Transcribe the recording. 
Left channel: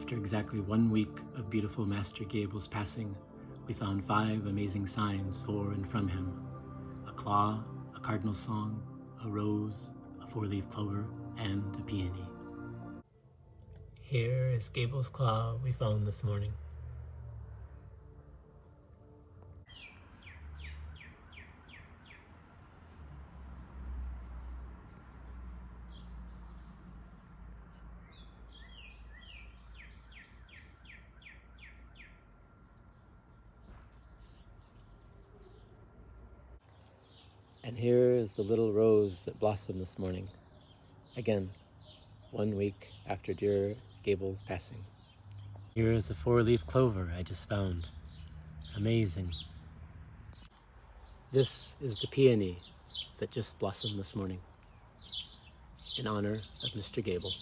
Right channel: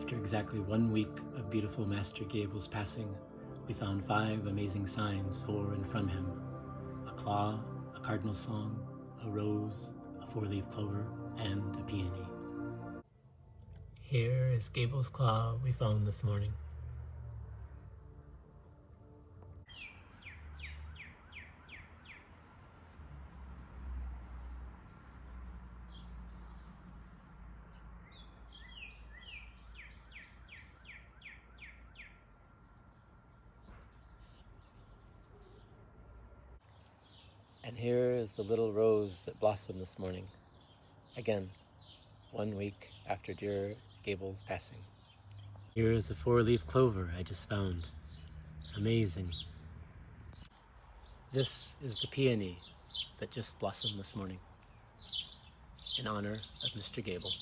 After exactly 1 week of beautiful Master Gable's passing, we found 5 amazing signs for and from him: a claw, a cardinal song, a rose, a 4-leaf clover, and a peony. Here is Gable's claw we found this morning. And here is the little rose that blossomed this morning. Again, 1 week after dear Gable's passing. Here is a 4-leaf clover I just found. Amazing. This is the peony that just blossomed this morning in honor of Mr. Gable.